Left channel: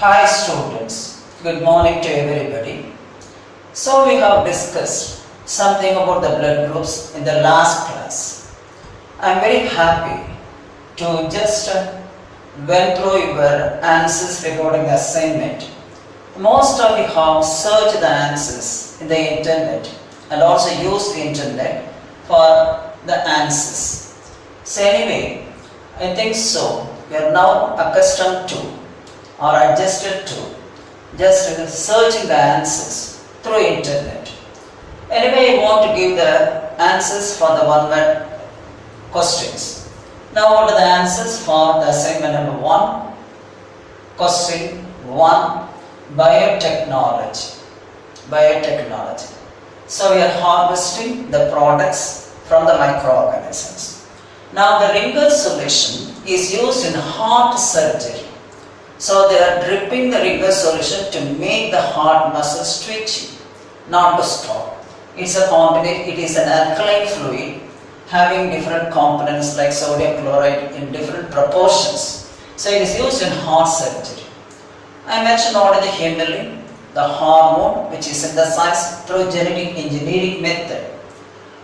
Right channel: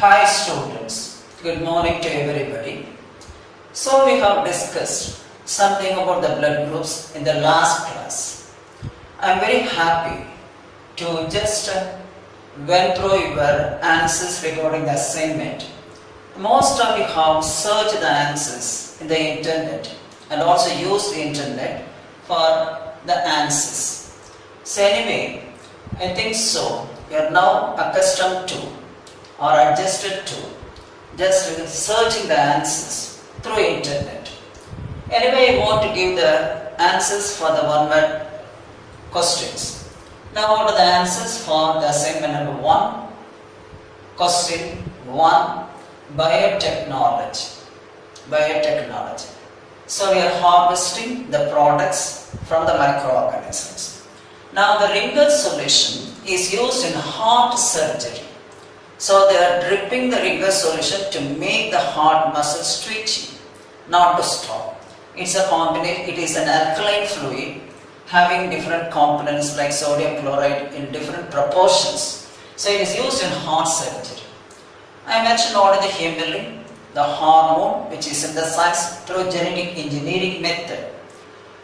Hi students, good morning to everybody. So we have discussed something about the blood groups in the last class. I am very happy to just went through your answers regarding the assignment. Most of you have searched the answers in the internet and also used the internet for the answers. So anyway, I think so. You are now accustomed to or adjusted to just searching the answers through internet. Anyway, I want to give the answers for the one word questions. Now what are the answers for the assignment number 1? Question 1, biotechnology. Biotechnology. So we are harvesting the products from the microorganisms. Now the Ringer's solution is used in heart surgery. So they are dripping the Ringer's solution to make the heart muscles twitchy, not to stop. It is an alkaline fluid having different components like sodium chloride in different proportions. So it is used in heart surgery. I mentioned already the hemoglobin, the hormone which is synthesized through genetic engineering method.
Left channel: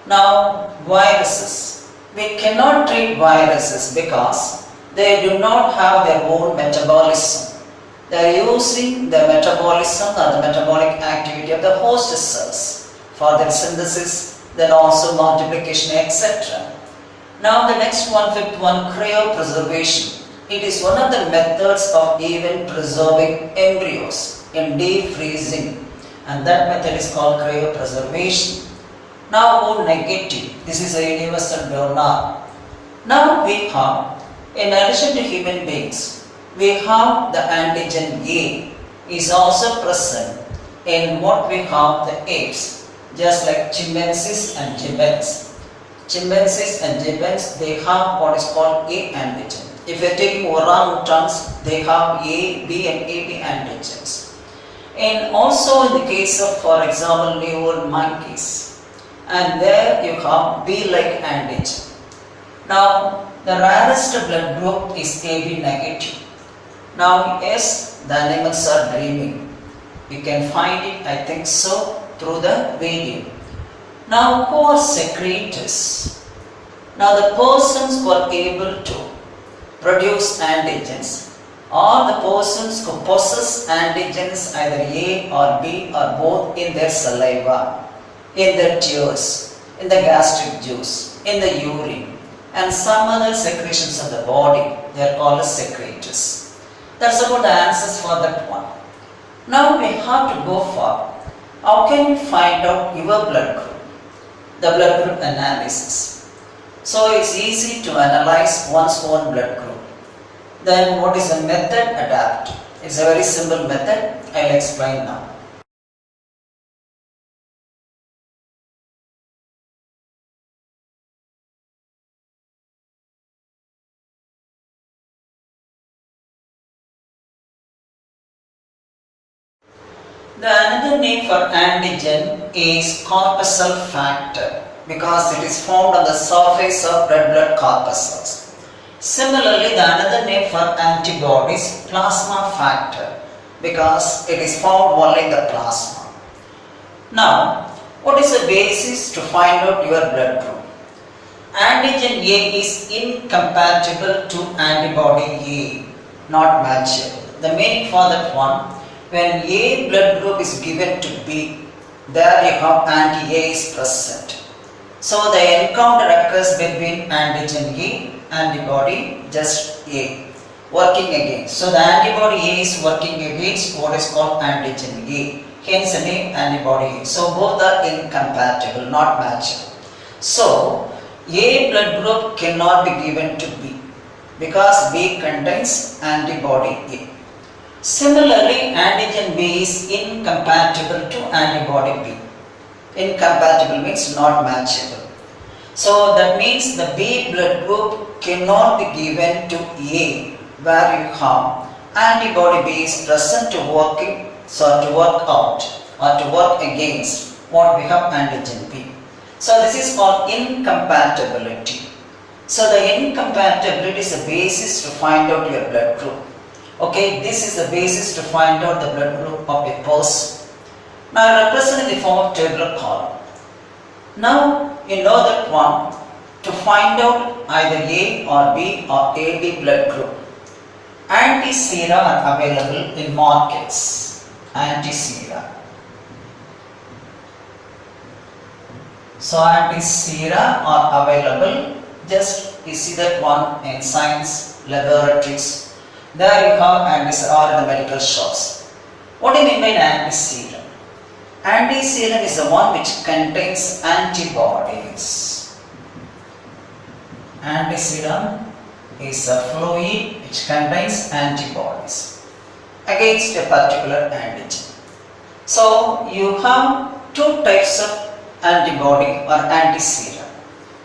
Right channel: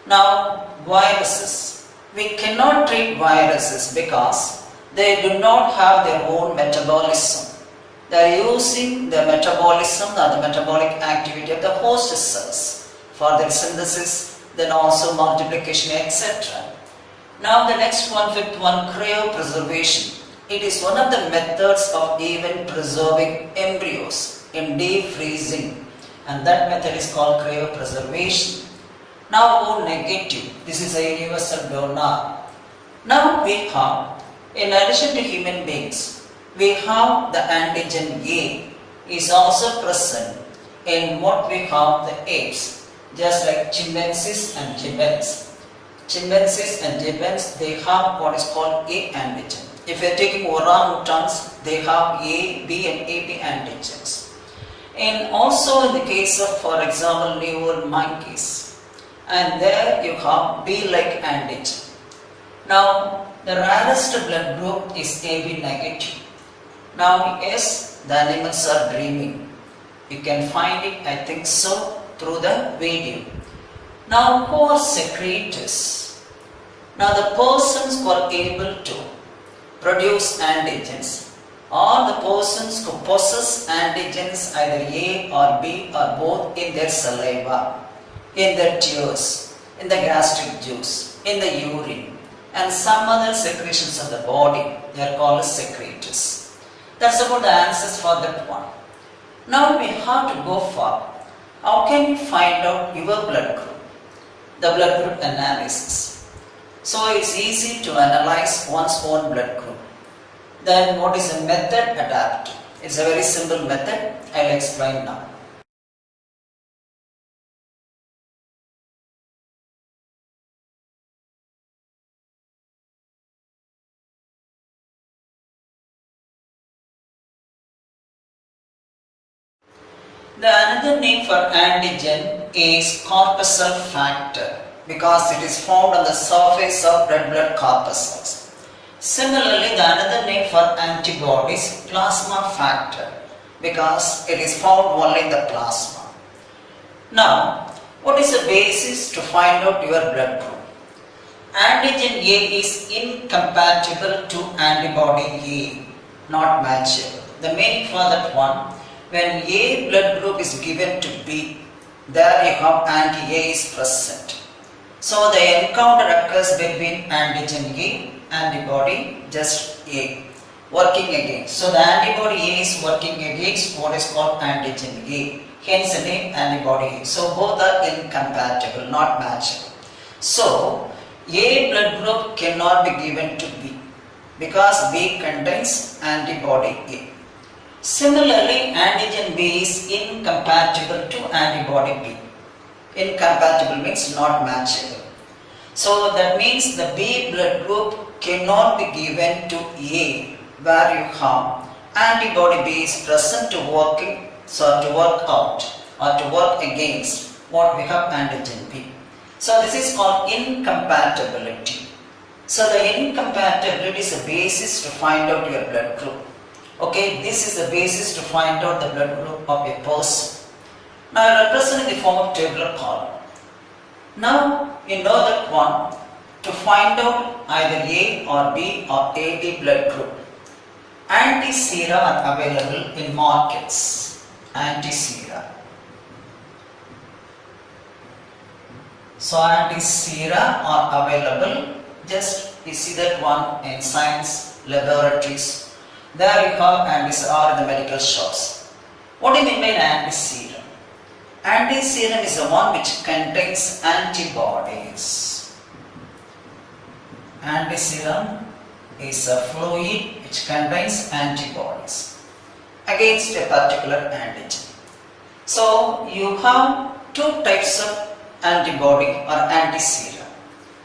Now viruses. We cannot treat viruses because they do not have their own metabolism. They are using the metabolism or the metabolic activity of the host cells for their synthesis, then also multiplication, etc. Now the next one, fifth one, cryo preservation. It is one of the methods of even preserving embryos in deep freezing, and that method is called cryo preservation. Now O negative. This is a universal donor. Now we have, in addition to human beings, we have the antigen A is also present in what we have the apes, just like chimpanzees and gibbons. Chimpanzees and gibbons, they have what is called A antigen. If you are taking orangutans, they have A, B and AB antigens. And also in the case of, for example, newborn monkeys, and there you have B-like antigen. Now, the rarest blood group is AB negative. Now, yes, the animals are dreaming. You can find it, I think so, through the video. Now, who are secretors? Now, the persons who are able to produce antigens are the persons who possess antigens either A or B or both in their saliva, in their tears, in the gastric juice, in the urine, and some other secretions of the body. They are called as secretors. That's about the answers for that one. Now we have to go for how can you find out your blood group? The blood group analysis. So it's easy to analyze one's own blood group. Then what is the method adapted? It's a very simple method. I'll explain now. The another name for antigen is corpuscle factor because it is found on the surface of red blood corpuscles. Similarly, the another name for antibodies, plasma factor, because it is found only in the plasma. Now, what is the basis to find out your blood group? Antigen A is incompatible to antibody A, not matchable. The meaning for that one, when A blood group is given to B, there you have anti-A is present. So the encounter occurs between antigen A, antibody just A, working against. So the antibody A is working against what is called antigen A, hence the name antibody A. So both are incompatible, not matchable. So A blood group cannot be given to B because B contains antibody A. Similarly, antigen B is incompatible to antibody B. Incompatible means not matchable. So that means the B blood group cannot be given to A where you have antibody B is present to work out or to work against what we have antigen B. So this is called incompatibility. So the incompatibility is a basis to find out your blood group. Okay, this is the basis to find out the blood group of a person. Now I represent in the form of tabular column. Now you know that one, to find out either A or B or AB blood group, anti-sera are available in markets. Anti-sera. So anti-sera are available. Just you see that one in science laboratories. There you have anti-sera or in the medical shops. What do you mean by anti-serum? Anti-serum is the one which contains antibodies. Anti-serum is a fluid which contains antibodies against a particular antigen. So you have two types of antibody or anti-serum.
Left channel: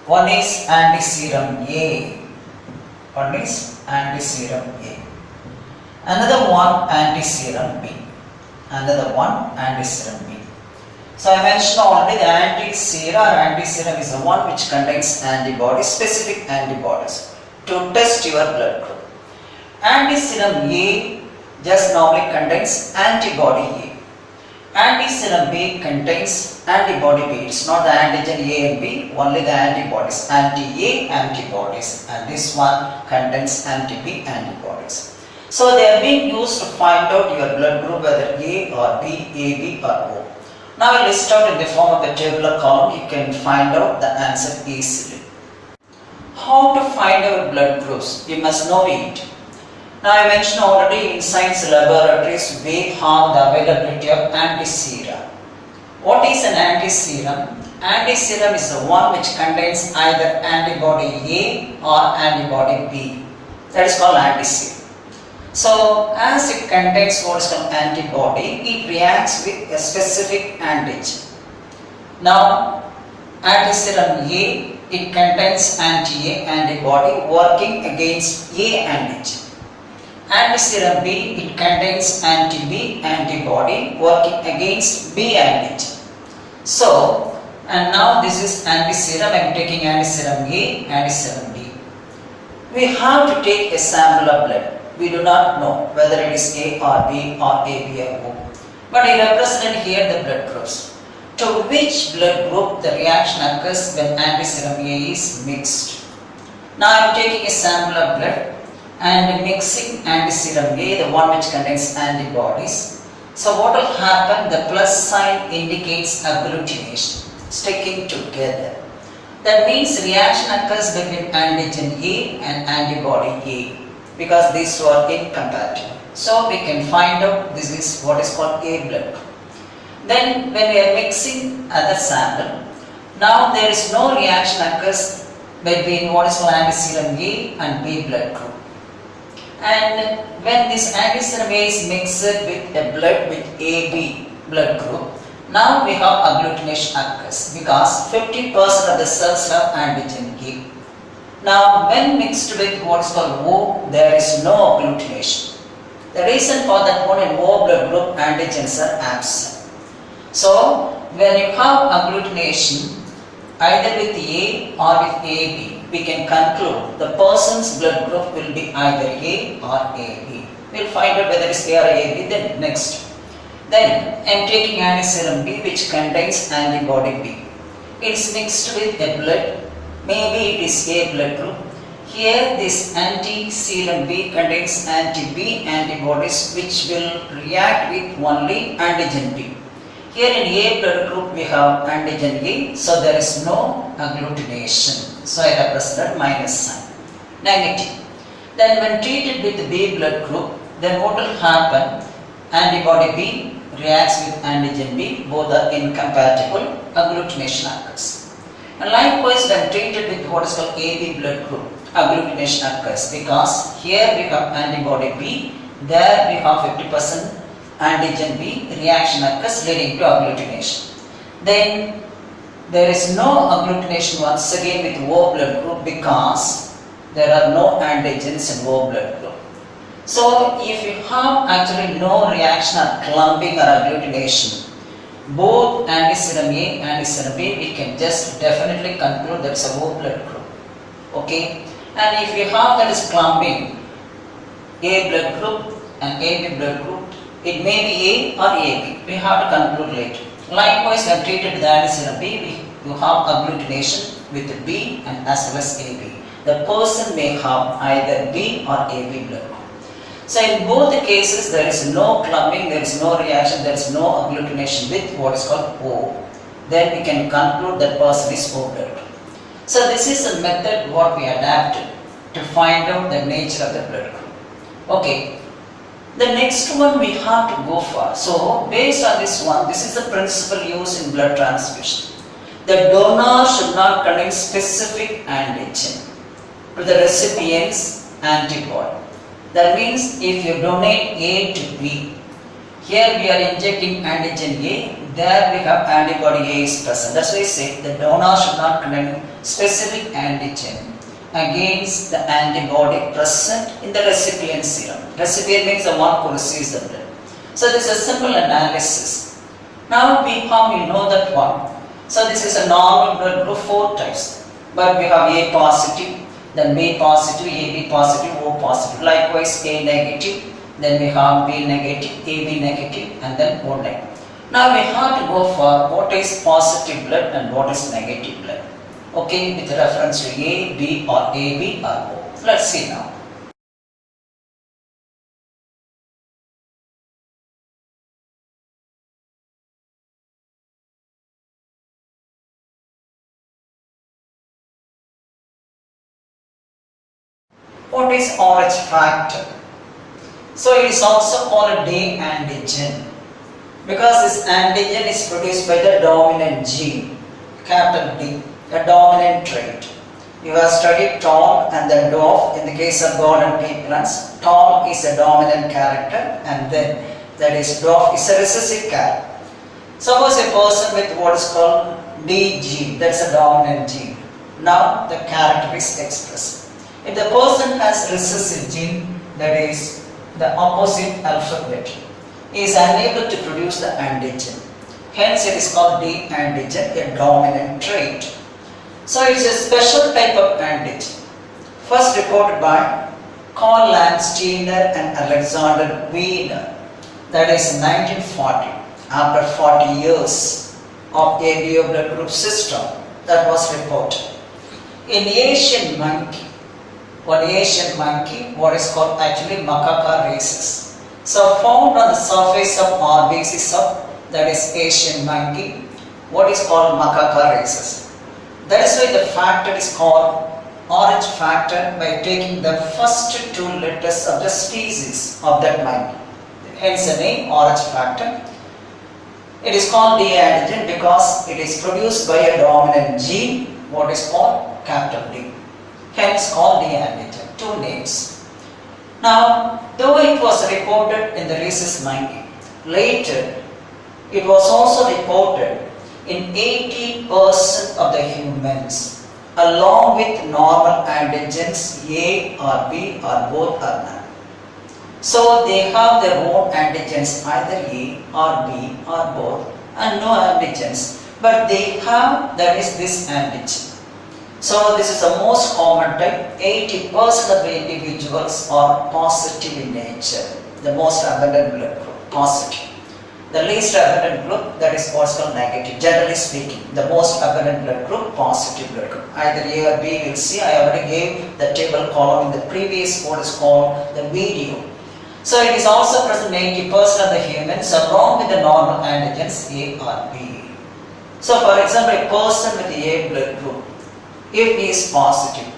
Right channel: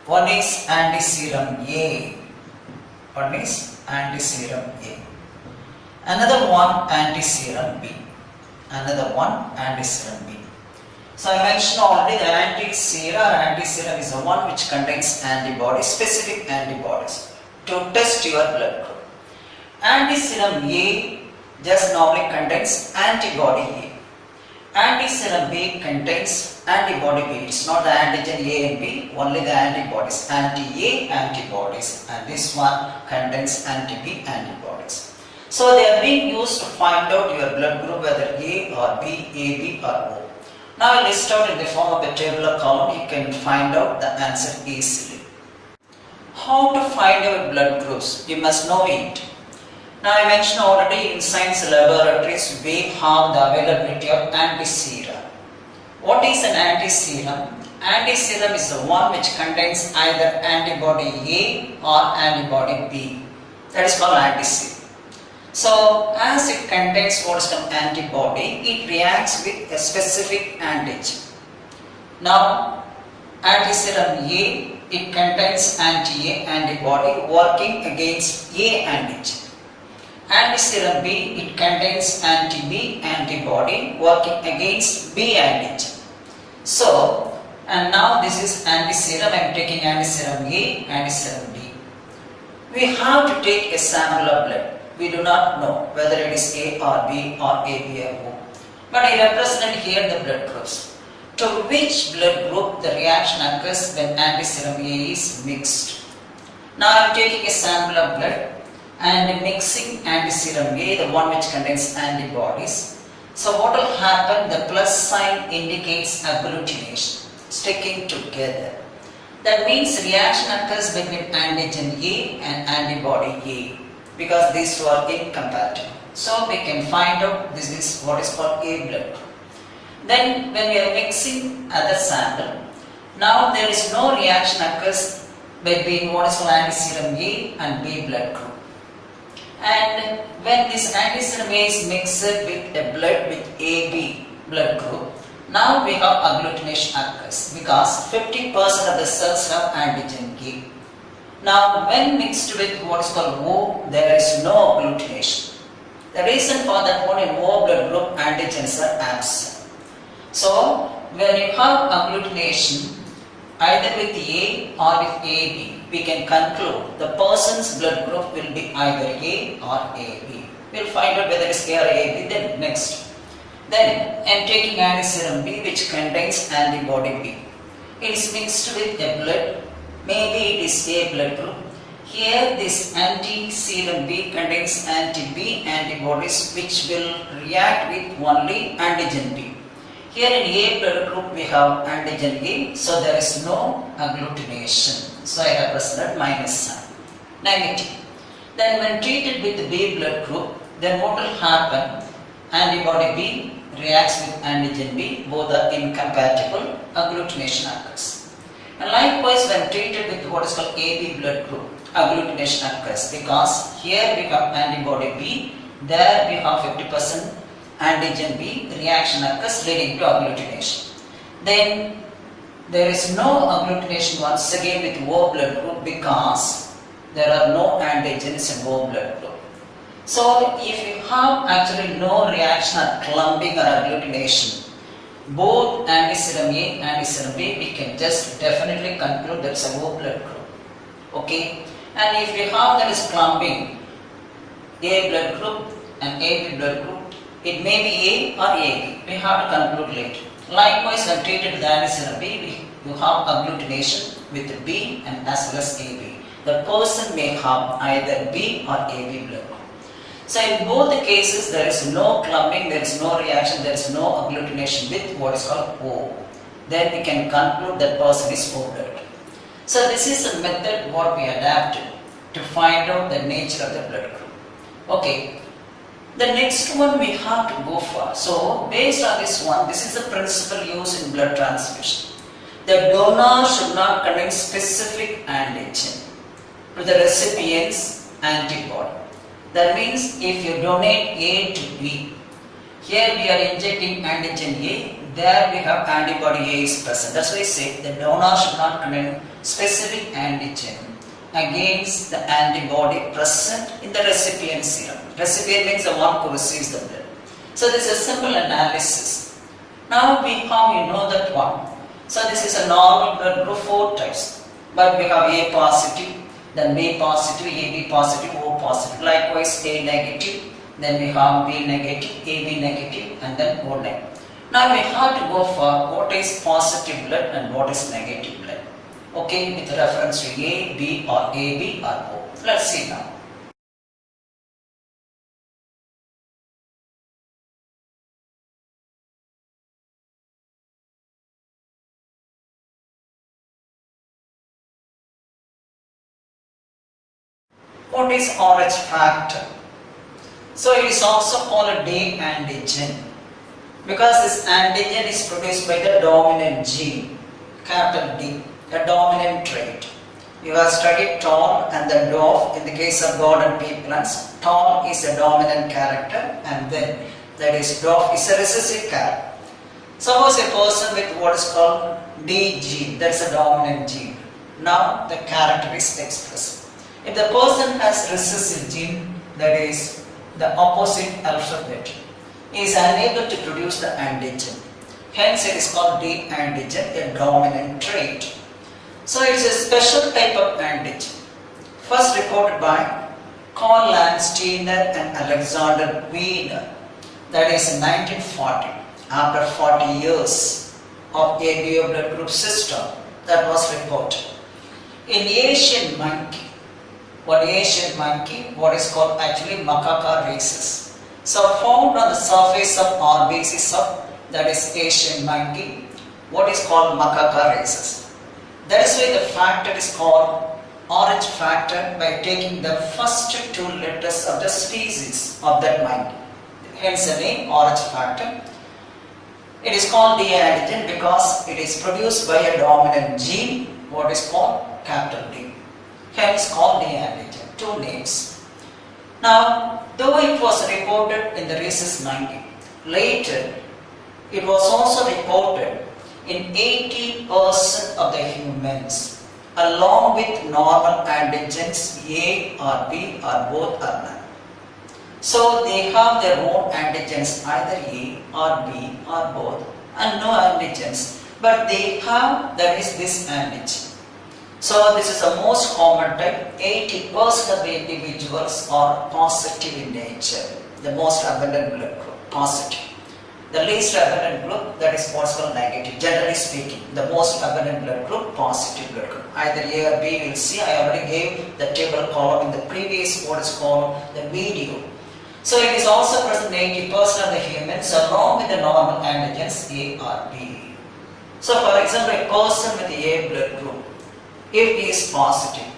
One is anti-serum A. One is anti-serum A. Another one anti-serum B. Another one anti-serum B. So I mentioned already the anti-sera or anti-serum is the one which contains antibodies, specific antibodies to test your blood group. Anti-serum A just normally contains antibody A. Anti-serum B contains antibody B. It's not the antigen A and B, only the antibodies. Anti-A antibodies, and this one contains anti-B antibodies. So they are being used to find out your blood group, whether A or B, AB or O. Now I list out in the form of a tabular column. You can find out the answer easily. How to find our blood groups? You must know it. Now I mentioned already in science laboratories we have the availability of anti-sera. What is an anti-serum? Anti-serum is the one which contains either antibody A or antibody B. That is called anti-serum. So as it contains what is called antibody, it reacts with a specific antigen. Now anti-serum A, it contains anti-A antibody working against A antigen. Anti-serum B, it contains anti-B antibody working against B antigen. So, and now this is anti-serum. I am taking anti-serum A, anti-serum B. We have to take a sample of blood. We do not know whether it is A or B or AB or O. But I represented here the blood groups. To which blood group the reaction occurs when anti-serum A is mixed. Now I am taking a sample of blood and mixing anti-serum A, the one which contains antibodies. So what will happen? The plus sign indicates agglutination, sticking together. That means reaction occurs between antigen A and antibody A, because these two are incompatible. So we can find out this is what is called A blood group. Then when we are mixing other sample, now there is no reaction occurs between what is called anti-serum A and B blood group. And when this anti-serum A is mixed with a blood with AB blood group, now we have agglutination occurs because 50% of the cells have antigen A. Now when mixed with what is called O, there is no agglutination. The reason for that one, in O blood group antigens are absent. So when you have agglutination either with A or with AB, we can conclude the person's blood group will be either A or AB. We will find out whether it is A or AB. Then next. Then I am taking anti-serum B which contains antibody B. It is mixed with a blood. Maybe it is A blood group. Here this anti-serum B contains anti-B antibodies which will react with only antigen B. Here in A blood group we have antigen A, so there is no agglutination. So I represent minus sign. Negative. Then when treated with the B blood group, then what will happen? Antibody B reacts with antigen B, both are incompatible, agglutination occurs. And likewise when treated with what is called AB blood group, agglutination occurs because here we have antibody B, there we have 50% antigen B, reaction occurs leading to agglutination. Then there is no agglutination once again with O blood group because there are no antigens in O blood group. So if you have actually no reaction or clumping or agglutination, both anti-serum A and anti-serum B, we can just definitely conclude that is a O blood group. Okay, and if you have that is clumping A blood group, an AB blood group, it may be A or AB. We have to conclude later. Likewise, when treated with antiserum B, you have agglutination with B and as well as AB. The person may have either B or AB blood group. So in both the cases, there is no clumping, there is no reaction, there is no agglutination with what is called O. Then we can conclude that person is O blood. So this is a method what we adapted to find out the nature of the blood group. Okay. The next one we have to go for. So based on this one, this is the principle used in blood transfusion. The donor should not contain specific antigen to the recipient's antibody. That means if you donate A to B, here we are injecting antigen A, there we have antibody A is present. That's why I say the donor should not contain specific antigen against the antibody present in the recipient's serum. Recipient means the one who receives the blood. So this is a simple analysis. Now how we know that one? So this is a normal blood group, 4 types. But we have A positive, then B positive, AB positive, O positive. Likewise A negative, then we have B negative, AB negative, and then O negative. Now we have to go for what is positive blood and what is negative blood. Okay, with reference to A, B or AB or O. Let's see now. What is RH factor? So it is also called a D antigen because this antigen is produced by the dominant gene, capital D, a dominant trait. You have studied tall and then dwarf in the case of garden pea plants. Tall is a dominant character and then that is dwarf is a recessive character. Suppose a person with what is called D gene, that's a dominant gene. Now the character is expressed. If the person has recessive gene, that is the opposite alphabet, is unable to produce the antigen. Hence it is called D antigen, a dominant trait. So it is a special type of antigen. First reported by Karl Landsteiner and Alexander Wiener. That is in 1940, after 40 years of ABO blood group system, that was reported. In Asian monkey, what is called actually macaca rhesus. So found on the surface of RBCs of that is Asian monkey, what is called macaca rhesus. That is why the factor is called RH factor by taking the first 2 letters of the species of that monkey. Hence the name RH factor. It is called D antigen because it is produced by a dominant gene, what is called capital D. Hence called D antigen. 2 names. Now, though it was reported in the rhesus monkey, later it was also reported in 80% of the humans along with normal antigens A or B or both or none. So they have their own antigens either A or B or both and no antigens, but they have that is this antigen. So this is the most common type. 80% of the individuals are positive in nature. The most abundant blood group, positive. The least abundant group, that is what's called negative. Generally speaking, the most abundant blood group, positive blood group. Either A or B, we'll see. I already gave the table column in the previous what is called the video. So it is also present in 80% of the humans along with the normal antigens A or B. So for example, a person with the A blood group, if he is positive,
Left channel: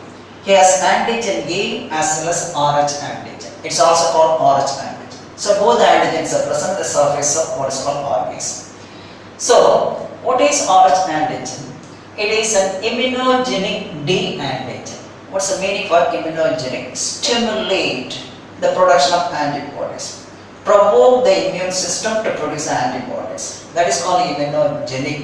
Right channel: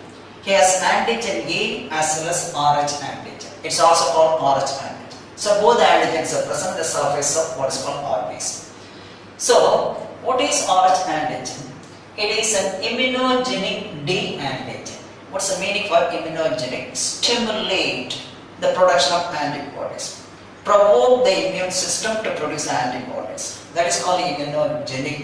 he has antigen A as well as RH antigen. It's also called RH antigen. So both the antigens are present on the surface of what is called RBC. So what is RH antigen? It is an immunogenic D antigen. What's the meaning for immunogenic? Stimulate the production of antibodies. Provoke the immune system to produce antibodies. That is called immunogenic.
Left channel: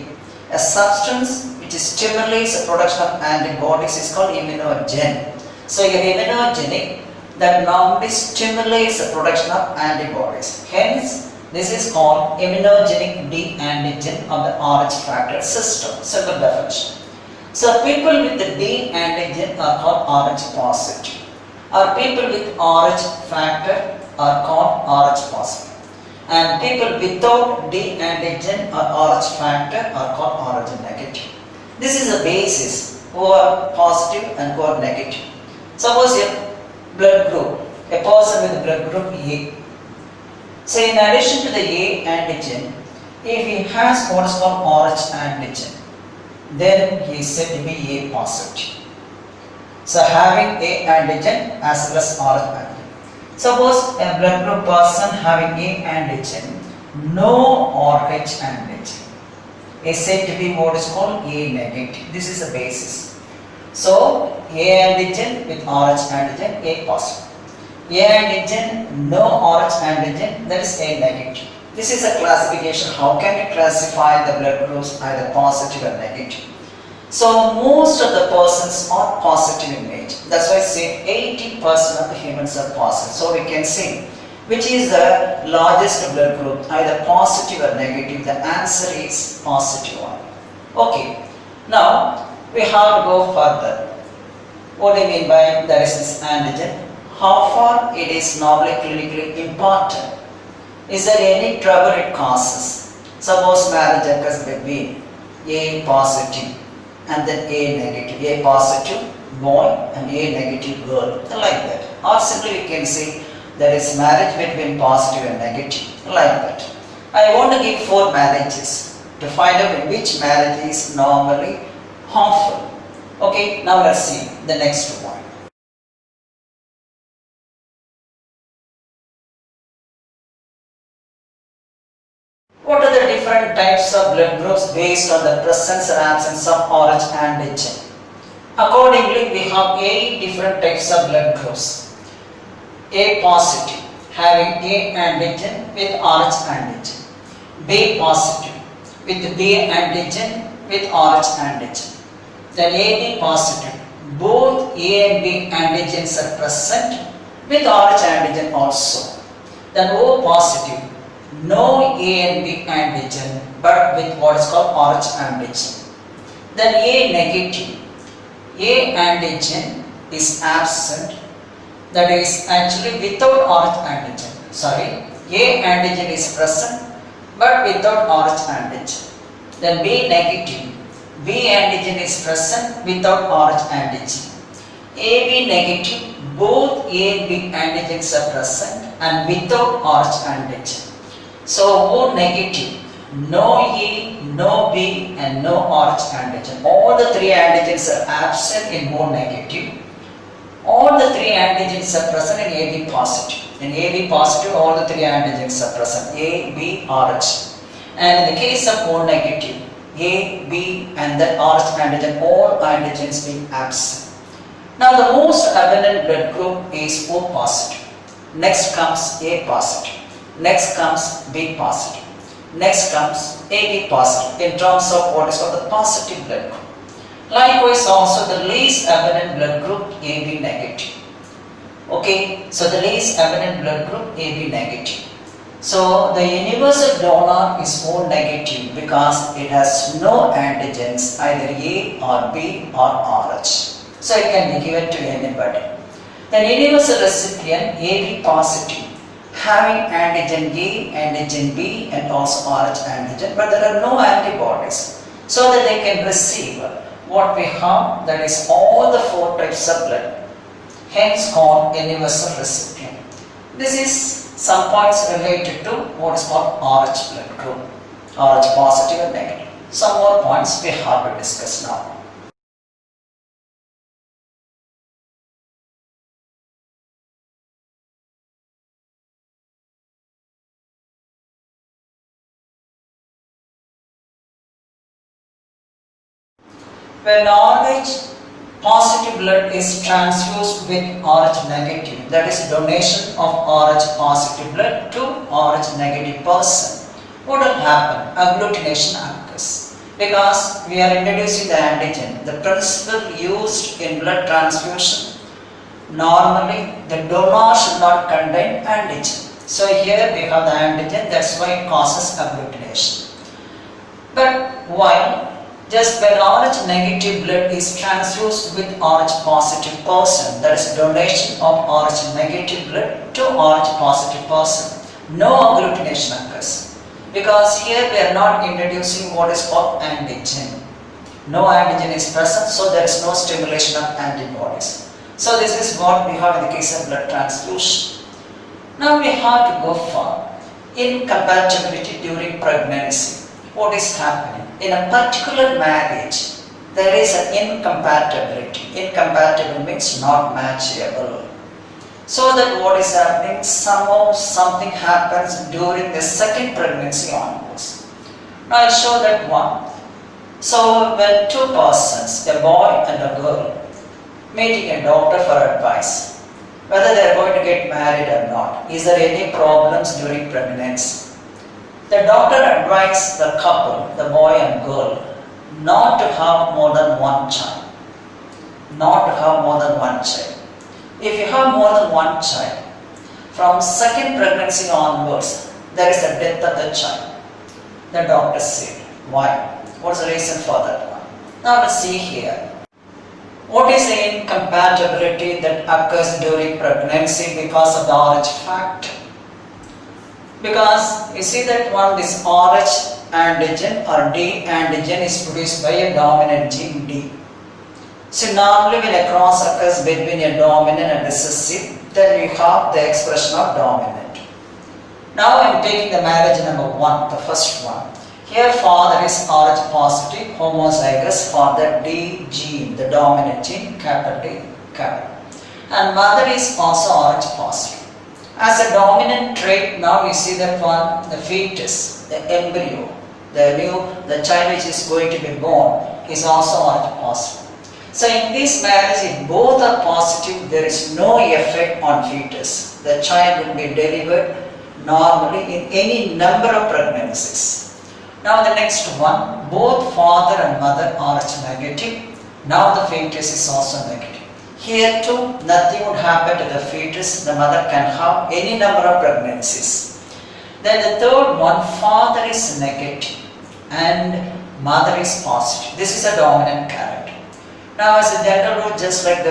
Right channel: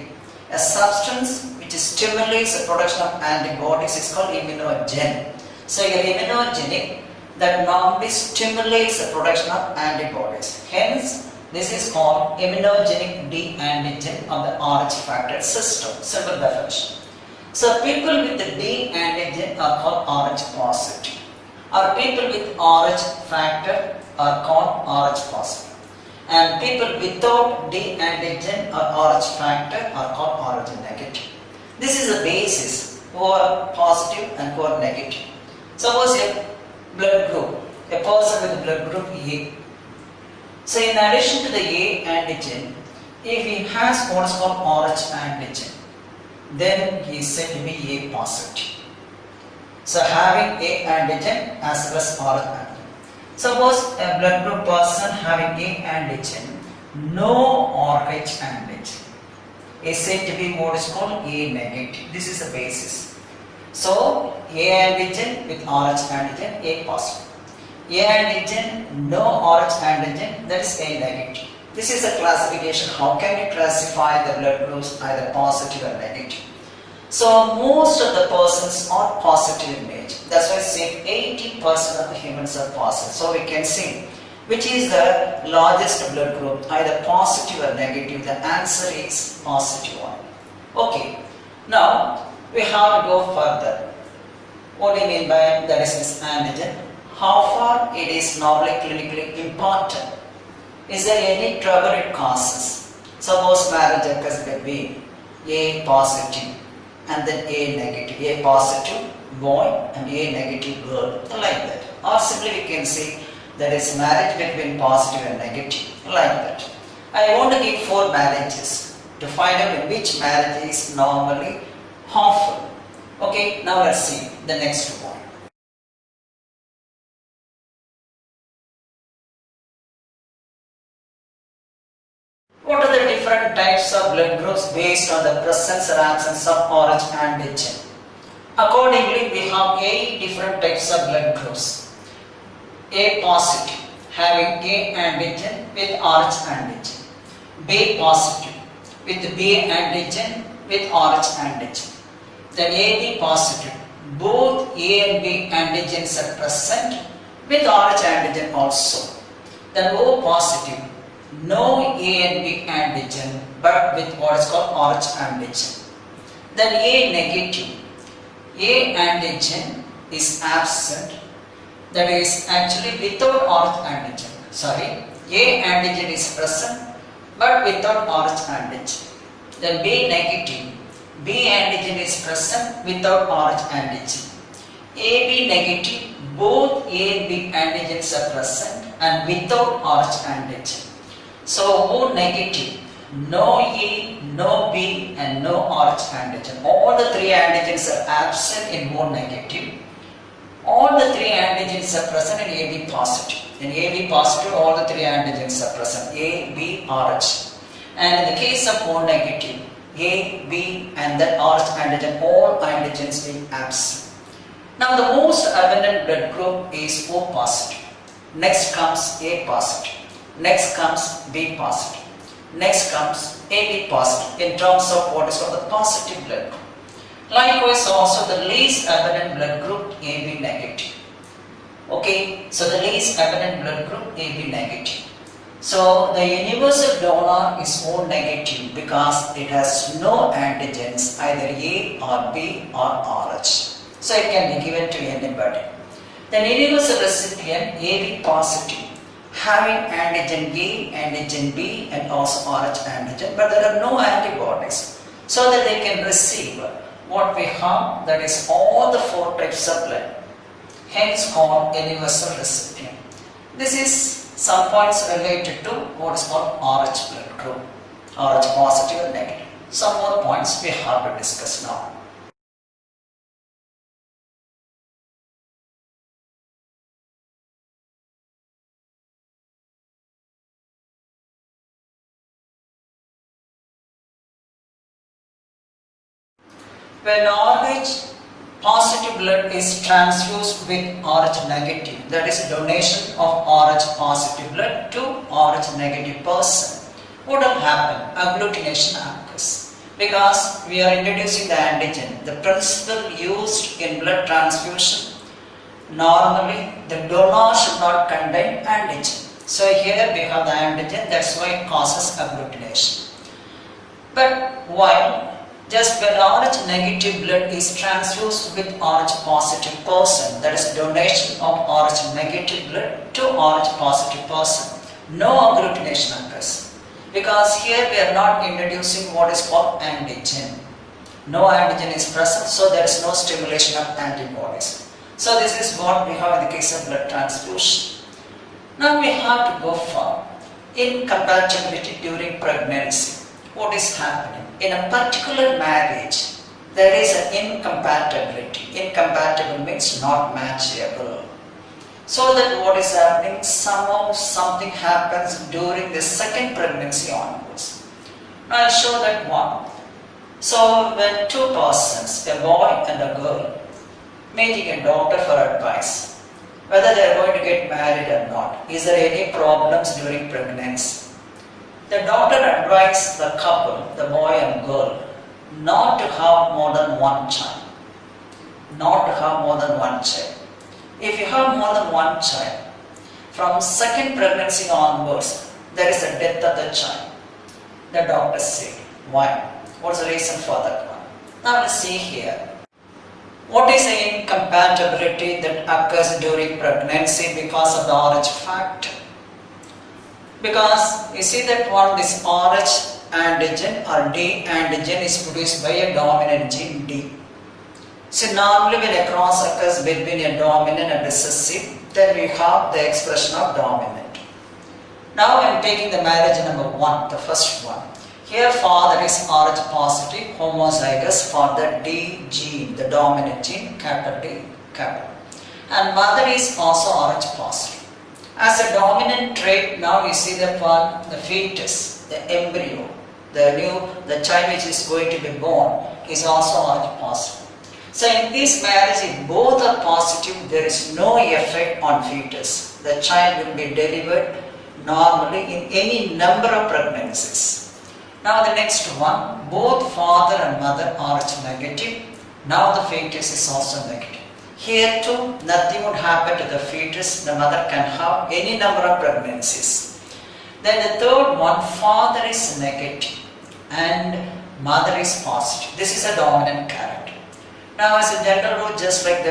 A substance which stimulates the production of antibodies is called immunogen. So you have immunogenic that normally stimulates the production of antibodies. Hence, this is called immunogenic D antigen of the RH factor system. Simple definition. So people with the D antigen are called RH positive. Or people with RH factor are called Rh positive. And people without D antigen or Rh factor are called Rh negative. This is the basis who are positive and who are negative. Suppose a blood group, a person with blood group A. So in addition to the A antigen, if he has what is called Rh antigen, then he is said to be A positive. So having A antigen as well as Rh antigen. Suppose a blood group person having A antigen, no Rh antigen, is said to be what is called A negative. This is the basis. So A antigen with Rh antigen, A positive. A antigen, no Rh antigen, that is A negative. This is a classification. How can you classify the blood groups either positive or negative? So most of the persons are positive in nature. That's why I say 80% of the humans are positive. So we can say which is the largest blood group, either positive or negative. The answer is positive one. Okay. Now we have to go further. What do you mean by there is this antigen? How far it is normally clinically important? Is there any trouble it causes? Suppose marriage occurs between A positive and then A negative. A positive boy and A negative girl, like that. Or simply we can say there is marriage between positive and negative, like that. I want to give 4 marriages to find out which marriage is normally harmful. Okay, now let's see the next one. What are the different types of blood groups based on the presence or absence of Rh antigen? Accordingly, we have 8 different types of blood groups. A positive, having A antigen with Rh antigen. B positive, with B antigen with Rh antigen. Then AB positive, both A and B antigens are present with Rh antigen also. Then O positive, no A and B antigen but with what is called Rh antigen. Then A negative, A antigen is absent, that is actually without Rh antigen. Sorry, A antigen is present but without Rh antigen. Then B negative, B antigen is present without Rh antigen. AB negative, both A and B antigens are present and without Rh antigen. So O negative, no E, no B and no Rh antigen. All the 3 antigens are absent in O negative. All the 3 antigens are present in AB positive. In AB positive, all the 3 antigens are present. A, B, Rh. And in the case of O negative, A, B and then Rh antigen, all antigens being absent. Now the most abundant blood group is O positive. Next comes A positive. Next comes B positive. Next comes AB positive in terms of what is called the positive blood group. Likewise also the least abundant blood group AB negative. Okay, so the least abundant blood group AB negative. So the universal donor is O negative because it has no antigens, either A or B or Rh. So it can be given to anybody. The universal recipient AB positive, having antigen A, antigen B and also Rh antigen, but there are no antibodies, so that they can receive what we have, that is all the 4 types of blood, hence called universal recipient. This is some points related to what is called Rh blood group, Rh positive and negative. Some more points we have to discuss now. When Rh positive blood is transfused with Rh negative, that is donation of Rh positive blood to Rh negative person, what will happen? Agglutination occurs. Because we are introducing the antigen, the principle used in blood transfusion, normally the donor should not contain antigen. So here we have the antigen, that's why it causes agglutination. But while Just when Rh negative blood is transfused with Rh positive person, that is donation of Rh negative blood to Rh positive person, no agglutination occurs. Because here we are not introducing what is called antigen. No antigen is present, so there is no stimulation of antibodies. So this is what we have in the case of blood transfusion. Now we have to go for incompatibility during pregnancy. What is happening? In a particular marriage, there is an incompatibility. Incompatible means not matchable. So that what is happening? Somehow something happens during the second pregnancy onwards. Now I'll show that one. So when two persons, a boy and a girl, meeting a doctor for advice, whether they are going to get married or not, is there any problems during pregnancy? The doctor advised the couple, the boy and girl, not to have more than one child. Not to have more than one child. If you have more than one child, from second pregnancy onwards, there is a death of the child. The doctor said, why? What's the reason for that one? Now let's see here. What is the incompatibility that occurs during pregnancy because of the Rh factor? Because you see that one, this Rh antigen or D antigen is produced by a dominant gene D. So normally when a cross occurs between a dominant and recessive, then we have the expression of dominant. Now I am taking the marriage number 1, the first one. Here father is Rh positive, homozygous for the D gene, the dominant gene, capital D, capital. And mother is also Rh positive. As a dominant trait, now you see that one, the fetus, the embryo, the child which is going to be born is also Rh positive. So in this marriage, if both are positive, there is no effect on fetus. The child will be delivered normally in any number of pregnancies. Now the next one, both father and mother are Rh negative. Now the fetus is also negative. Here too, nothing would happen to the fetus. The mother can have any number of pregnancies. Then the third one, father is negative and mother is positive. This is a dominant character. Now as a general rule, just like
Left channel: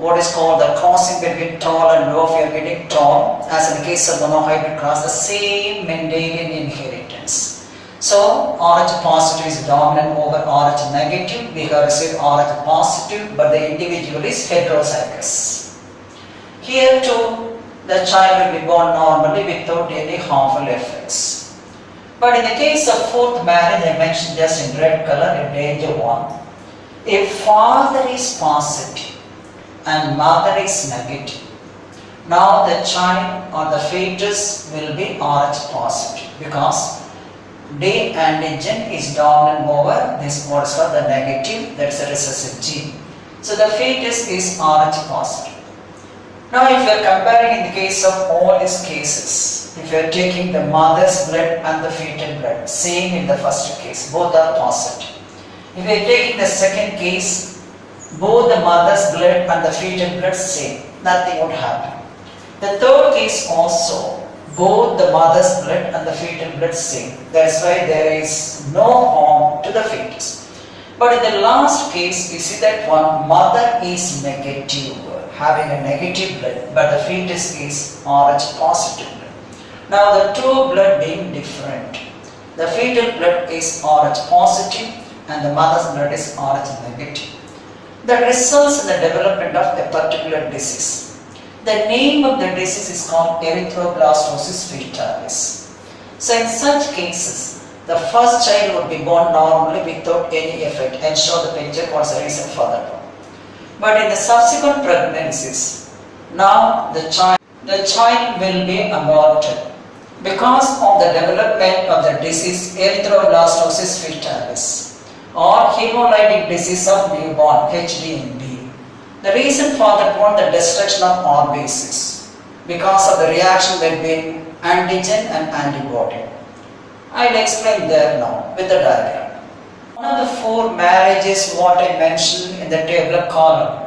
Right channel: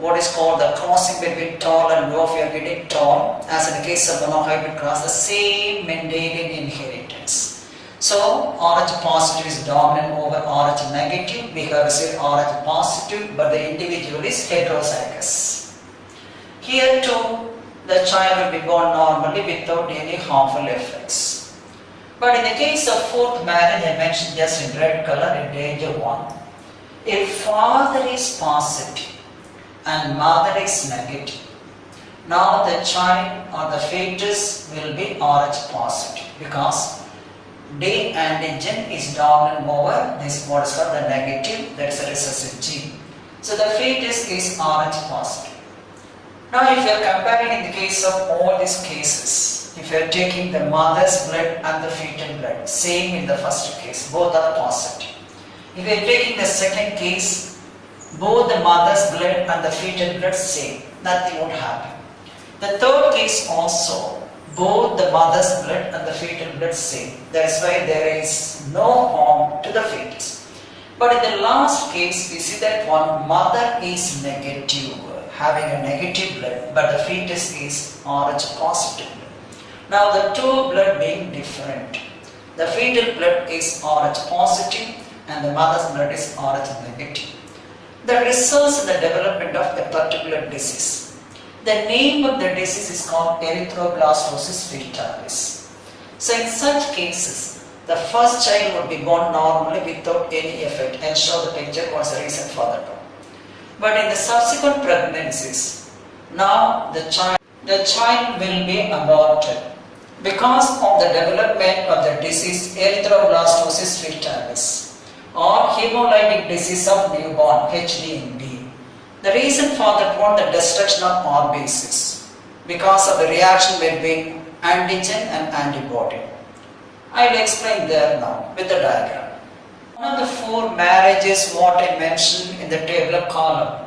what is called the crossing between tall and low, if you are getting tall, as in the case of monohybrid cross, the same Mendelian inheritance. So Rh positive is dominant over Rh negative. We have received Rh positive, but the individual is heterozygous. Here too, the child will be born normally without any harmful effects. But in the case of fourth marriage, I mentioned just in red color in danger 1. If father is positive and mother is negative, now the child or the fetus will be Rh positive because D antigen is dominant over this what is called the negative, that is a recessive gene. So the fetus is Rh positive. Now if you are comparing in the case of all these cases, if you are taking the mother's blood and the fetal blood, same in the first case, both are positive. If you are taking the second case, both the mother's blood and the fetal blood same, nothing would happen. The third case also, both the mother's blood and the fetal blood same. That's why there is no harm to the fetus. But in the last case, we see that one mother is negative, having a negative blood, but the fetus is Rh positive blood. Now the two blood being different. The fetal blood is Rh positive and the mother's blood is Rh negative. That results in the development of a particular disease. The name of the disease is called Erythroblastosis fetalis. So in such cases, the first child would be born normally without any effect. I'll show the picture what's the reason for that one. But in the subsequent pregnancies, now the child will be aborted because of the development of the disease Erythroblastosis fetalis or hemolytic disease of newborn HDNB. The reason for that was the destruction of RBCs because of the reaction between antigen and antibody. I will explain there now with the diagram. One of the four marriages what I mentioned in the tabular column,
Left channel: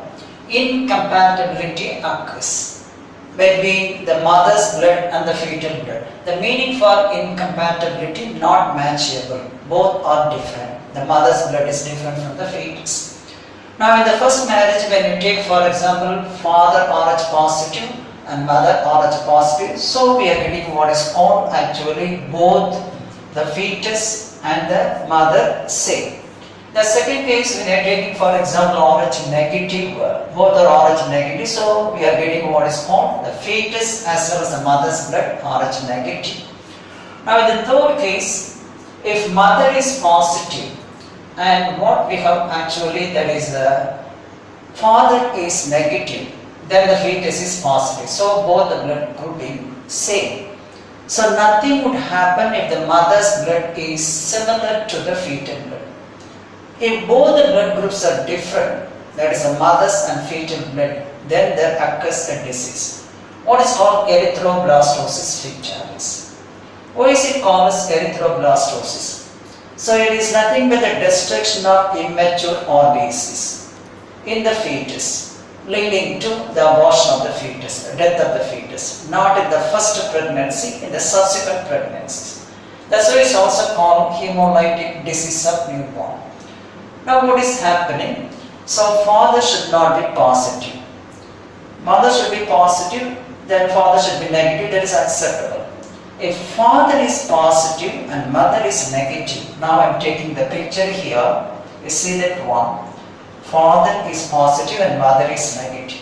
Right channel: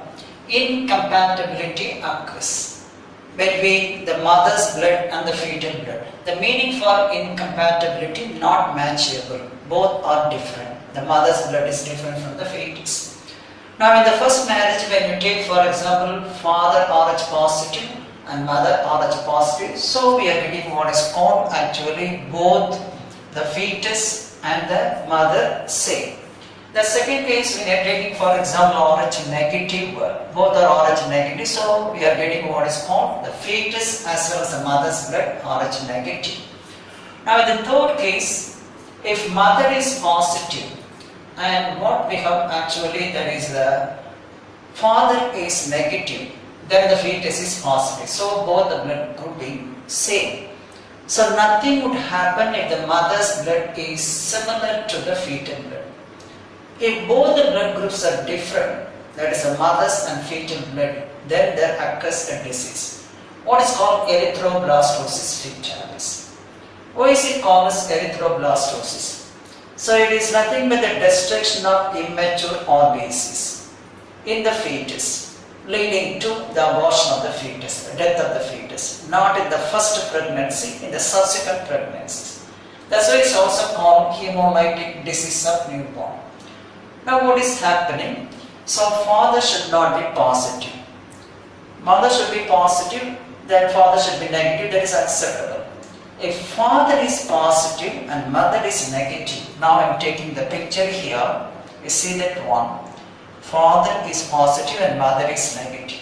incompatibility occurs between the mother's blood and the fetal blood. The meaning for incompatibility, not matchable. both are different. The mother's blood is different from the fetus. Now in the first marriage, when you take for example father Rh positive and mother Rh positive, so we are getting what is called actually both the fetus and the mother same. The second case, when you are taking for example Rh negative, both are Rh negative, so we are getting what is called the fetus as well as the mother's blood Rh negative. Now in the third case, if mother is positive and what we have actually, that is the father is negative, then the fetus is positive. So both the blood could be same. So nothing would happen if the mother's blood is similar to the fetal blood. If both the blood groups are different, that is the mother's and fetal blood, then there occurs a disease. What is called erythroblastosis fetalis. Why is it called as erythroblastosis? So it is nothing but the destruction of immature organisms in the fetus, leading to the abortion of the fetus, the death of the fetus, not in the first pregnancy, in the subsequent pregnancies. That's why it's also called hemolytic disease of newborn. Now what is happening? So father should not be positive. Mother should be positive, then father should be negative, that is acceptable. If father is positive and mother is negative, now I am taking the picture here, you see that one. Father is positive and mother is negative.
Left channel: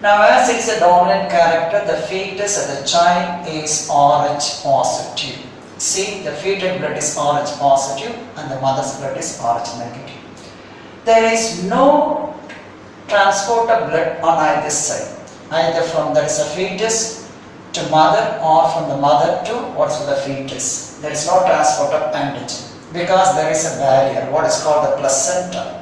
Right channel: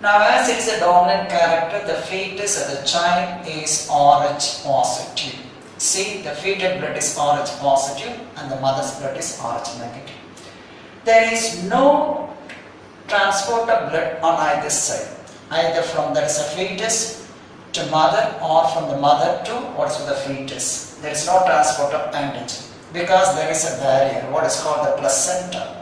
Now as it is a dominant character, the fetus of the child is Rh positive. See, the fetal blood is Rh positive and the mother's blood is Rh negative. There is no transport of blood on either side, either from that is a fetus to mother or from the mother to what is the fetus. There is no transport of antigen because there is a barrier, what is called the placenta.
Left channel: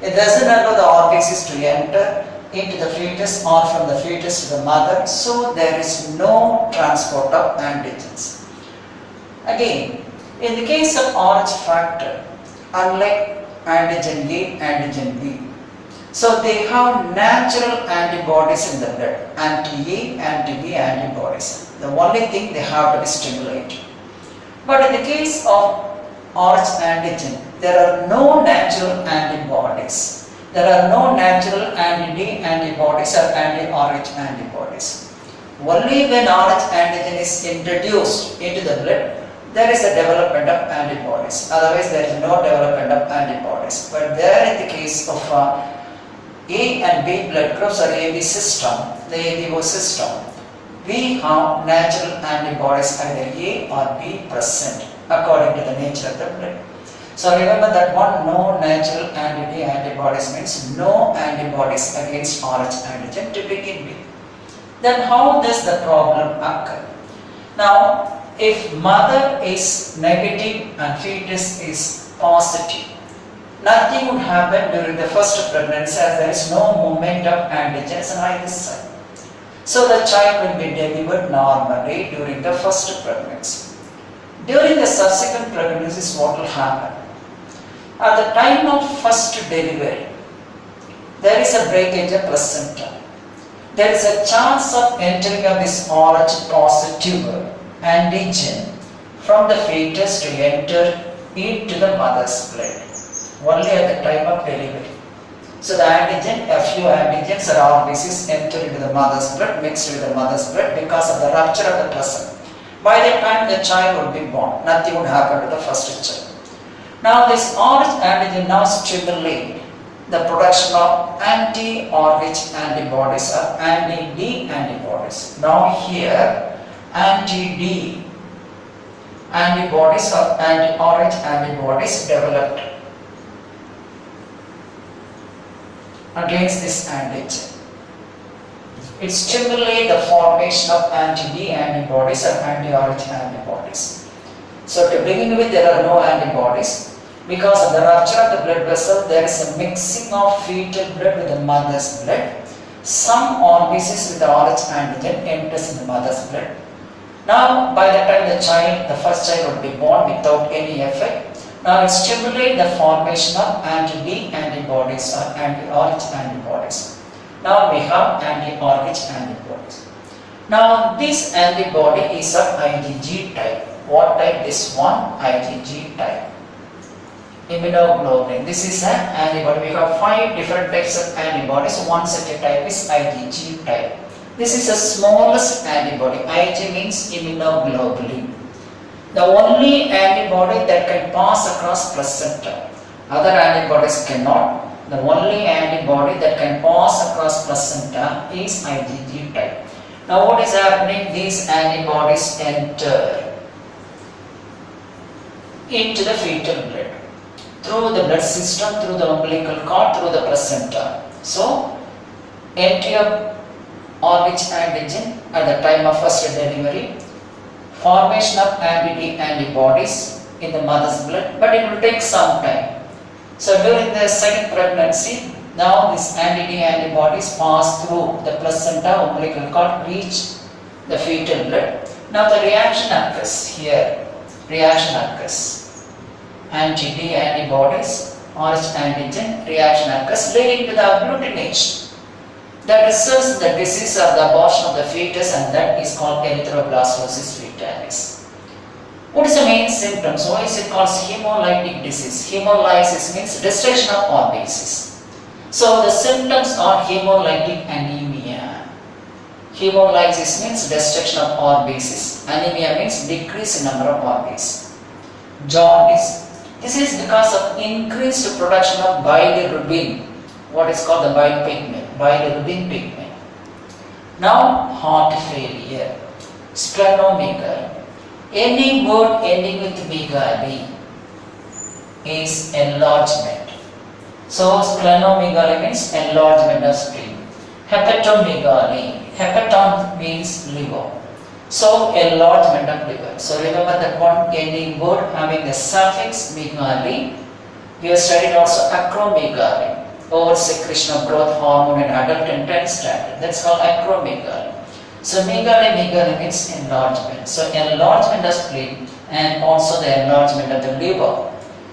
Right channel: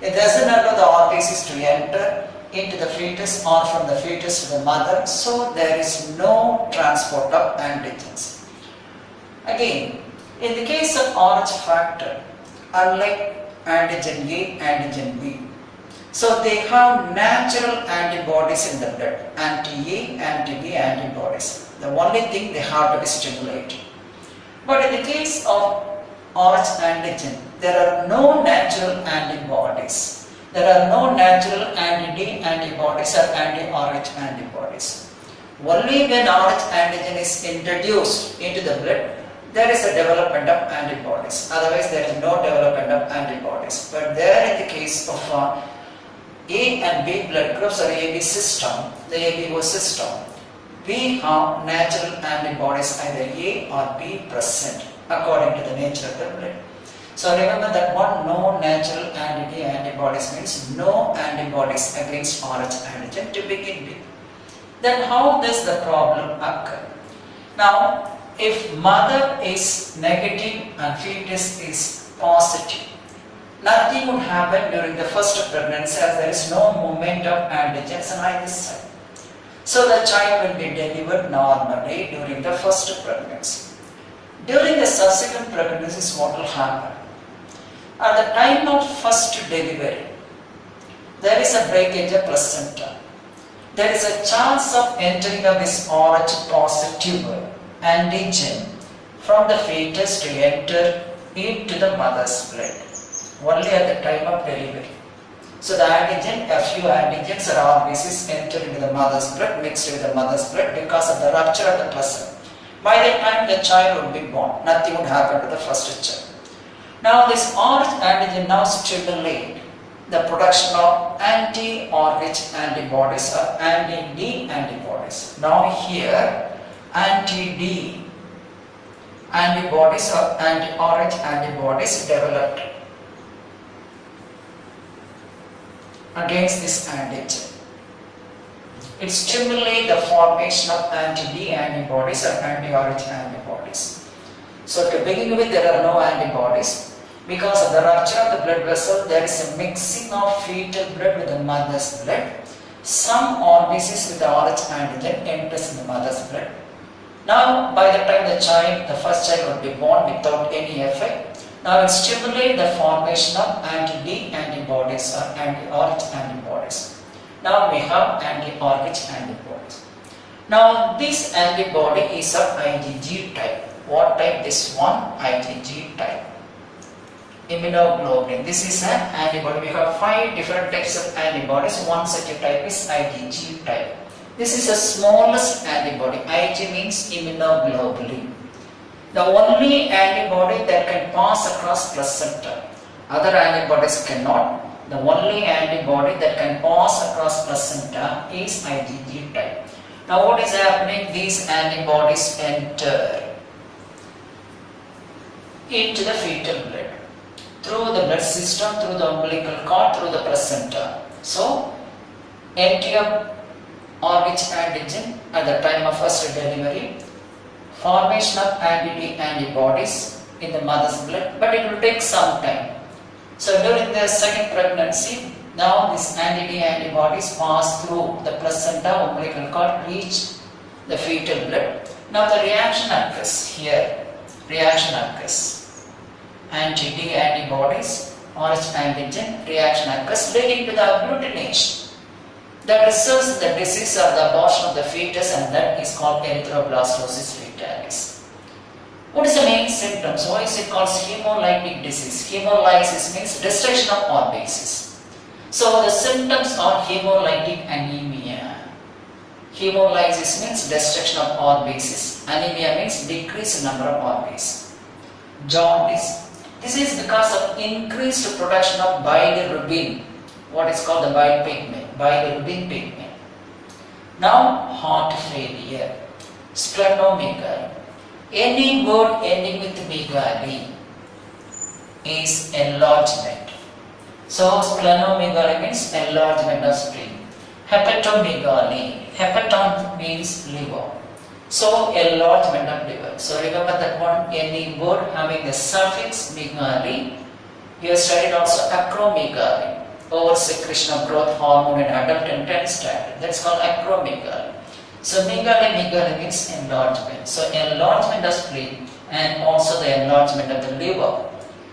It doesn't allow the organisms to enter into the fetus or from the fetus to the mother, so there is no transport of antigens. Again, in the case of Rh factor, unlike antigen A, antigen B, so they have natural antibodies in the blood, anti-A, anti-B antibodies. The only thing they have to be stimulated. But in the case of Rh antigen, there are no natural antibodies. There are no natural anti-D antibodies or anti-Rh antibodies. Only when Rh antigen is introduced into the blood, there is a development of antibodies. Otherwise, there is no development of antibodies. But there in the case of A and B blood groups or AB system, the ABO system, we have natural antibodies either A or B present according to the nature of the blood. So remember that one, no natural anti-D antibodies means no antibodies against Rh antigen to begin with. Then how does the problem occur? Now, if mother is negative and fetus is positive, nothing would happen during the first pregnancy as there is no movement of antigens on either side. So the child will be delivered normally during the first pregnancy. During the subsequent pregnancies, what will happen? At the time of first delivery, there is a breakage of placenta. There is a chance of entering of this Rh positive antigen from the fetus to enter into the mother's blood, only at the time of delivery. So the antigen, a few antigens or RBCs enter into the mother's blood, mixed with the mother's blood because of the rupture of the placenta. By the time the child would be born, nothing would happen to the first child. Now this Rh antigen now stimulates the production of anti-Rh antibodies or anti-D antibodies. Now here anti-D antibodies or anti-Rh antibodies developed against this antigen. It stimulates the formation of anti-D antibodies or anti-Rh antibodies. So to begin with, there are no antibodies. Because of the rupture of the blood vessel, there is a mixing of fetal blood with the mother's blood. Some RBCs with the Rh antigen enters in the mother's blood. Now, by the time the first child would be born without any effect, now it stimulates the formation of anti-D antibodies or anti-Rh antibodies. Now we have anti-Rh antibodies. Now this antibody is of IgG type. What type? This one, IgG type. immunoglobulin. This is an antibody. We have 5 different types of antibodies. One such a type is IgG type. This is the smallest antibody. Ig means immunoglobulin. The only antibody that can pass across placenta. Other antibodies cannot. The only antibody that can pass across placenta is IgG type. Now what is happening? These antibodies enter into the fetal blood through the blood system, through the umbilical cord, through the placenta. So, entry of Rh antigen at the time of first delivery, formation of antibodies in the mother's blood, but it will take some time. So, during the second pregnancy, now these antibodies pass through the placenta, umbilical cord, reach the fetal blood. Now the reaction occurs here. Reaction occurs. Anti-D antibodies, Rh antigen, reaction occurs leading to the agglutination. That results in the disease of the abortion of the fetus, and that is called Erythroblastosis fetalis. What is the main symptoms? Why is it called hemolytic disease? Hemolysis means destruction of RBCs. So the symptoms are hemolytic anemia. Hemolysis means destruction of RBCs. Anemia means decrease in number of RBCs. Jaundice. This is because of increased production of bilirubin. What is called the bile pigment? Bilirubin pigment. Now heart failure. Splenomegaly. Any word ending with megaly is enlargement. So splenomegaly means enlargement of spleen. Hepatomegaly. Hepaton means liver. So enlargement of liver. So remember that one ending word having the suffix megaly. We have studied also acromegaly. Over-secretion of growth hormone in adult in 10th standard. That's called acromegaly. So megaly means enlargement. So enlargement of spleen and also the enlargement of the liver.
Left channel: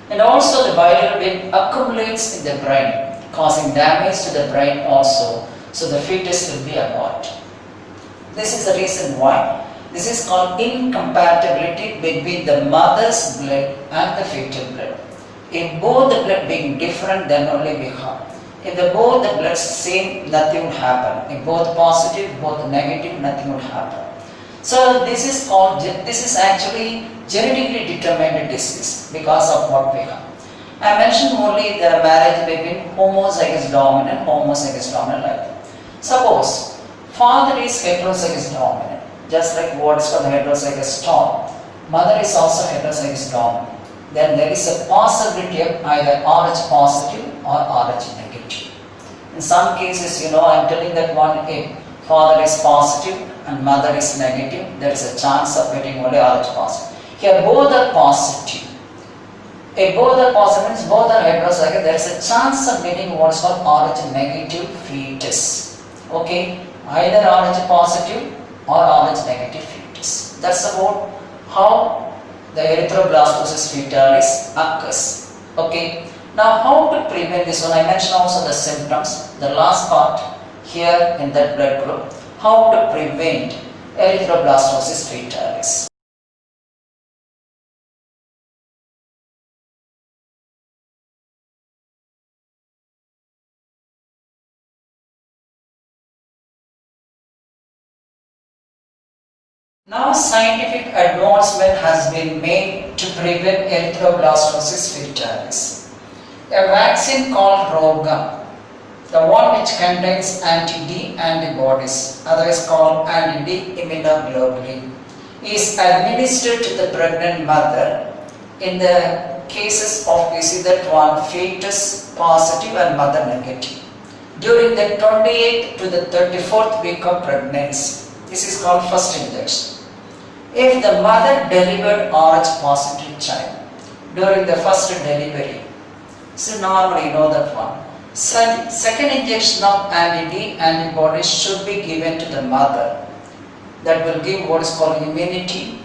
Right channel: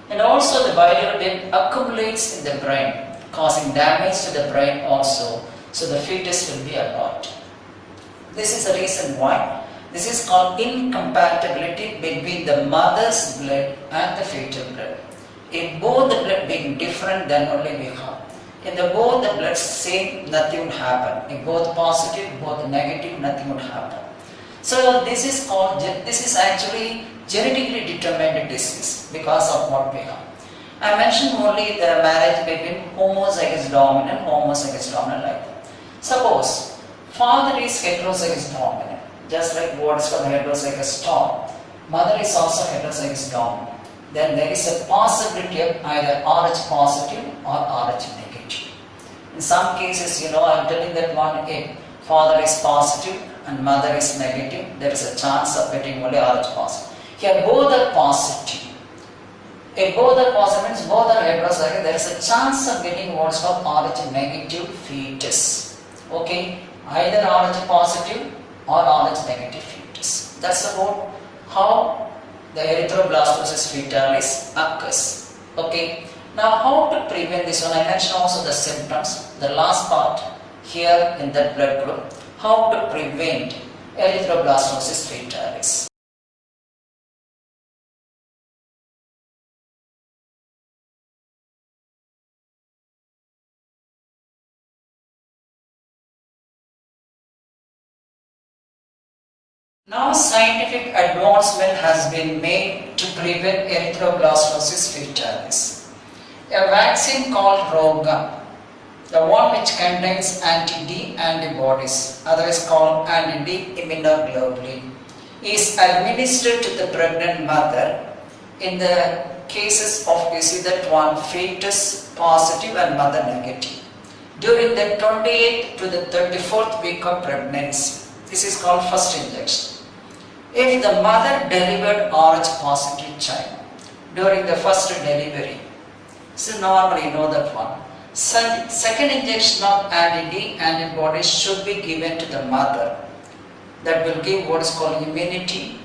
And also the bilirubin accumulates in the brain, causing damage to the brain also. So the fetus will be aborted. This is the reason why. This is called incompatibility between the mother's blood and the fetal blood. If both the blood being different, then only we have. If both the blood same, nothing would happen. If both positive, both negative, nothing would happen. So this is actually genetically determined disease because of what we have. I mentioned only the marriage between homozygous dominant like that. Suppose father is heterozygous dominant, just like what is called heterozygous storm. Mother is also heterozygous dominant. Then there is a possibility of either Rh positive or Rh negative. In some cases, I am telling that one, if father is positive and mother is negative, there is a chance of getting only Rh positive. Here both are positive. If both are positive, means both are heterozygous, there is a chance of getting what is called Rh negative fetus. Okay, either Rh positive or Rh negative fetus. That's about how the erythroblastosis fetalis occurs. Okay. Now how to prevent this one? I mentioned also the symptoms. The last part here in that blood group. How to prevent erythroblastosis fetalis. Now scientific advancement has been made to prevent erythroblastosis fetalis. A vaccine called Roga, the one which contains anti-D antibodies, otherwise called anti-D immunoglobulin, is administered to the pregnant mother in the cases of that one fetus positive and mother negative during the 28th to the 34th week of pregnancy. This is called first injection. If the mother delivered Rh positive child during the first delivery, so normally you know that one. Second injection of anti-D antibodies should be given to the mother. That will give what is called immunity,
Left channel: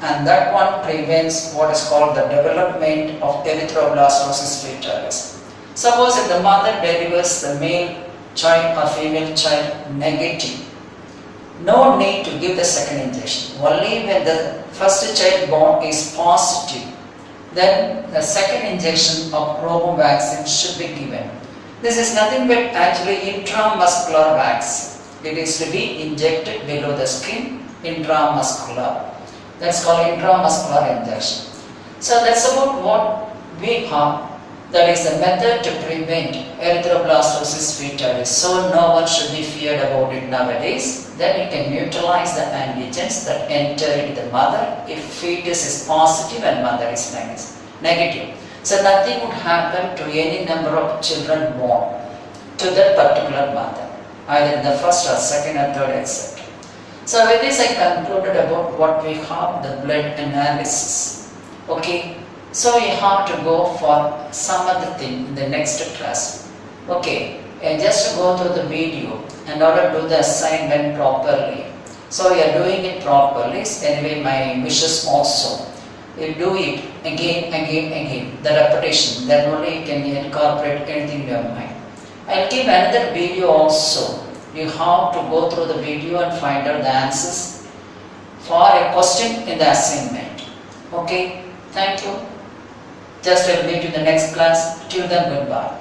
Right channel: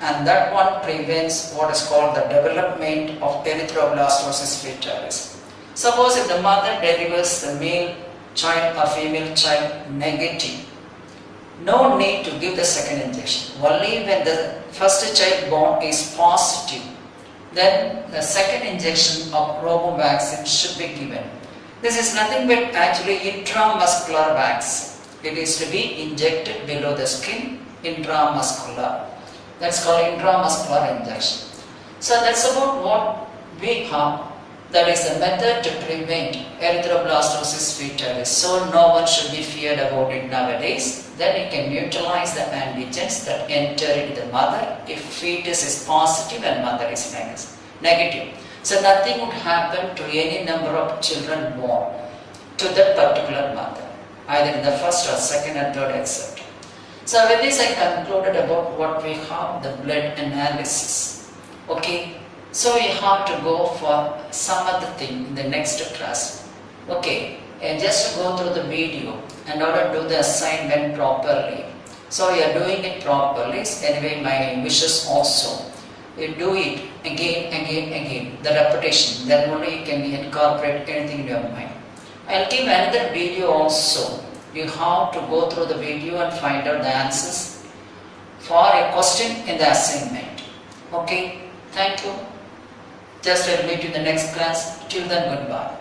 and that one prevents what is called the development of erythroblastosis fetalis. Suppose if the mother delivers the male child or female child negative, no need to give the second injection. Only when the first child born is positive, then the second injection of Robin vaccine should be given. This is nothing but actually intramuscular vaccine. It is to be injected below the skin, intramuscular. That's called intramuscular injection. So that's about what we have. That is the method to prevent erythroblastosis fetalis. So no one should be feared about it nowadays. Then you can neutralize the antigens that enter into the mother if fetus is positive and mother is negative. So nothing would happen to any number of children born to that particular mother, either in the first or second or third, etc. So with this I concluded about what we have, the blood analysis. Okay, so we have to go for some other thing in the next class. Okay, just go through the video in order to do the assignment properly. So you are doing it properly. Anyway, my wishes also. You do it again, the repetition. Then only you can incorporate anything in your mind. I'll give another video also. You have to go through the video and find out the answers for a question in the assignment. Okay, thank you. Just I'll meet you in the next class. Till then, goodbye.